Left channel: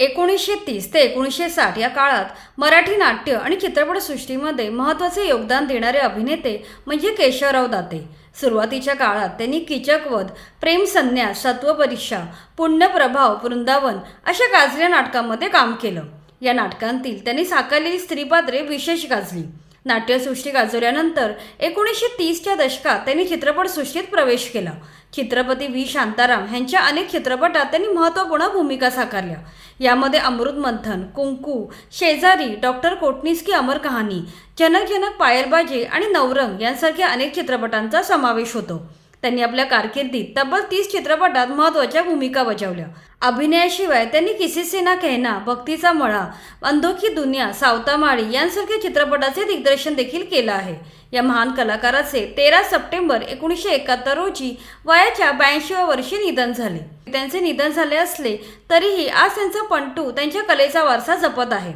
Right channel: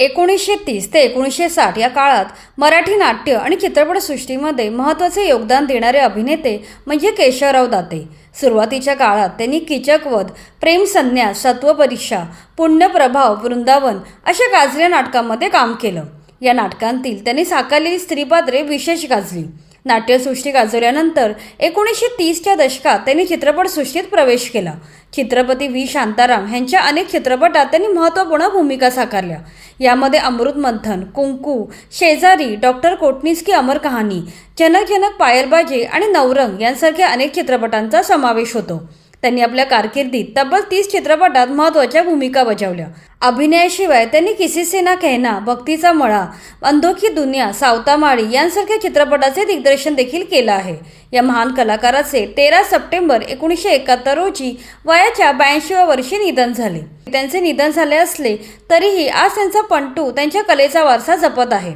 1930 ते 1960 या काळात मराठी नाट्य आणि चित्रपटसृष्टीमध्ये महत्त्वाचे योगदान देणारे अभिनेते म्हणजे केशवराव दाते. सुरुवातीच्या काळात त्यांनी कीचकवध, प्रेम संन्यास, सत्वपरीक्षा, पुण्यप्रभाव, वृंदावन अशा गाजलेल्या नाटकांमध्ये काम केलं. या नाटकांतील त्यांनी साकारलेली स्त्रीपात्रे विशेष गाजली. नाट्यसृष्टी गाजवल्यानंतर 1930च्या दशकात त्यांनी चित्रपटसृष्टीत प्रवेश केला. चित्रपती व्ही शांताराम यांच्या अनेक चित्रपटात त्यांनी महत्त्वपूर्ण भूमिका साकारल्या. यामध्ये अमृत मंथन, कुंकू, शेजारी, डॉक्टर कोटणीस की अमर कहाणी, जनक जनक पायलबाजी आणि नवरंग यांसारख्या अनेक चित्रपटांचा समावेश होतो. त्यांनी आपल्या कारकिर्दीत तब्बल 30 चित्रपटात महत्त्वाच्या भूमिका बजावल्या. अभिनयाशिवाय त्यांनी किसी से ना कहना, भक्तीचा मळा, अंधों की दुनिया, सावतामाळी यांसारख्या चित्रपटाचे दिग्दर्शन देखील केलं आहे. या महान कलाकाराचे 13 सप्टेंबर 1971 रोजी वयाच्या 82व्या वर्षी निधन झाले. त्यांचे निधन झाले असले तरीही आज त्यांचा पंटू त्यांच्या कलेचा वारसा जपत आहे.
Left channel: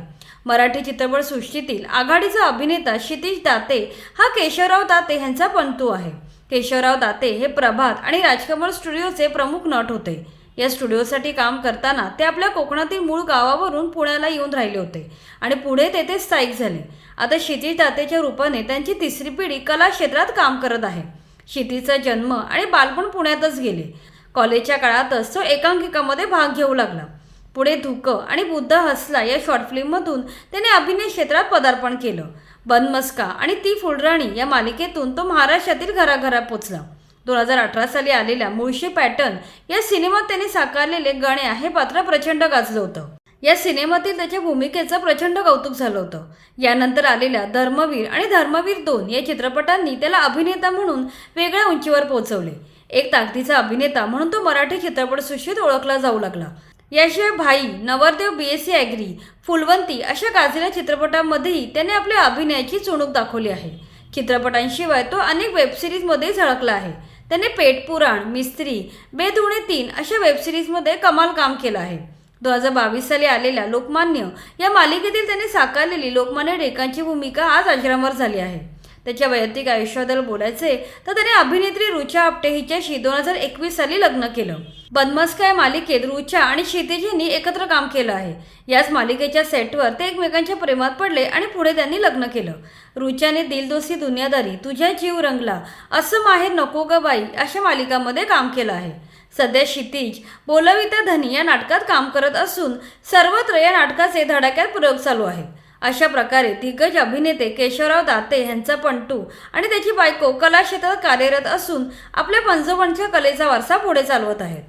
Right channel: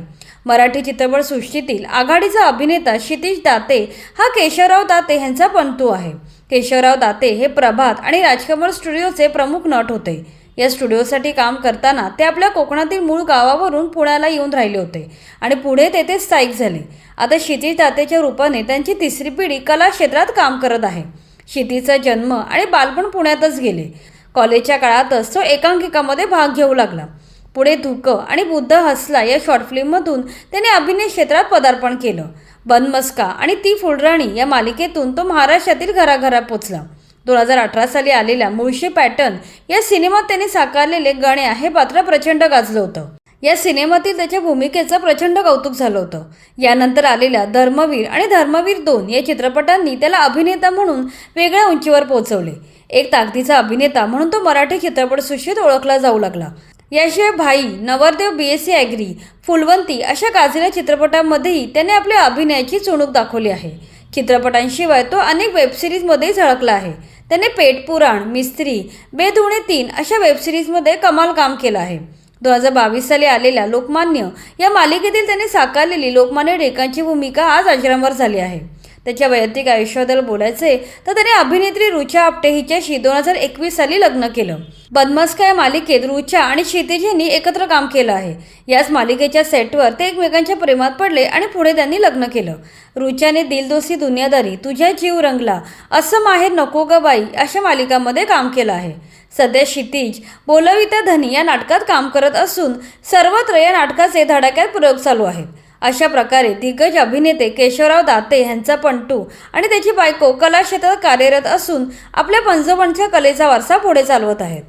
मराठी चित्रपटसृष्टीतील आघाडीचा अभिनेता क्षितिज दाते हा केशवराव दाते यांचा पंटू आहे. केशवराव दाते हे प्रभात आणि राजकमल स्टुडिओचे प्रमुख नट होते. या स्टुडिओसाठी काम करताना ते आपल्या कोकणातील मूळ गावावरून पुण्याला येऊन राहिले होते आणि पुढे तेथे स्थायिक झाले. आता क्षितिज दातेच्या रूपाने त्यांची तिसरी पिढी कला क्षेत्रात काम करत आहे. क्षितिजचा जन्म आणि बालपण पुण्यातच गेले. कॉलेजच्या काळातच तो एकांकिकामध्ये भाग घेऊ लागला. पुढे धुकं आणि बुद्ध हसला या शॉर्ट फिल्ममधून त्याने अभिनय क्षेत्रात पदार्पण केलं. बनमस्का आणि ती फुलराणी या मालिकेतून तो महाराष्ट्रातील घराघरात पोचला. 2018 साली आलेल्या मुळशी पॅटर्न या सिनेमात त्यांनी साकारलेले गण्या हे पात्र प्रचंड गाजलं होतं. या सिनेमातील त्याच्या भूमिकेचं प्रचंड कौतुक झालं होतं. यानंतर आलेल्या धर्मवीर आणि धर्मवीर 2 या चित्रपटांनी त्याला अभिनेता म्हणून वेगळ्या उंचीवर पोहोचवले. एक ताकदीचा अभिनेता म्हणून तो मराठी चित्रपटसृष्टीत ओळखला जाऊ लागला. याशिवाय भाई, नवरदेव, BSc ॲग्री, फुलवंती अशा गाजलेल्या चित्रपटांमध्येही त्याने आपल्या अभिनयाची चुणूक दाखवली आहे. चित्रपटांशिवाय तो अनेक वेबसिरीजमध्येही झळकला आहे. त्याने पेटपुराण, मिस्त्री, बेधुणे 3 अशा वेबसिरीजमध्ये कमाल काम केलं आहे. 2022 साली आलेल्या लोकमान्य या मालिकेतील त्याने साकारलेली लोकमान्य टिळकांची भूमिका आज अजरामर झाली आहे. त्याच्या वैयक्तिक आयुष्याबद्दल बोलायचे तर त्याने अभिनेत्री रुचा आपटे हिच्याशी 2021 साली लग्न केलं. बनमस्का या मालिकेत रुचा आणि क्षितिज यांनी एकत्र काम केलं आहे. याच मालिकेच्या सेटवर ते एकमेकांच्या प्रेमात पडले आणि पुढे त्यांनी लग्न केलं. रुचाने दिलदोस्ती दुनियादारी, तुझ्या जीव रंगला, असं माहेर नको ग बाई अशा मालिकांमध्ये काम केलं आहे. सध्या क्षितिज बोलविता धनी या नाटकात काम करत असून सर्वत्र या नाटकाचे धडाक्यात प्रयोग चालू आहेत. अशा प्रकारे दिग्गज अभिनेते केशवराव दाते यांचा पंटू आणि त्याची बायको कला क्षेत्रात कार्यरत असून आपल्या पंजोबांच्या कलेचा वारसा पुढे चालवत आहेत.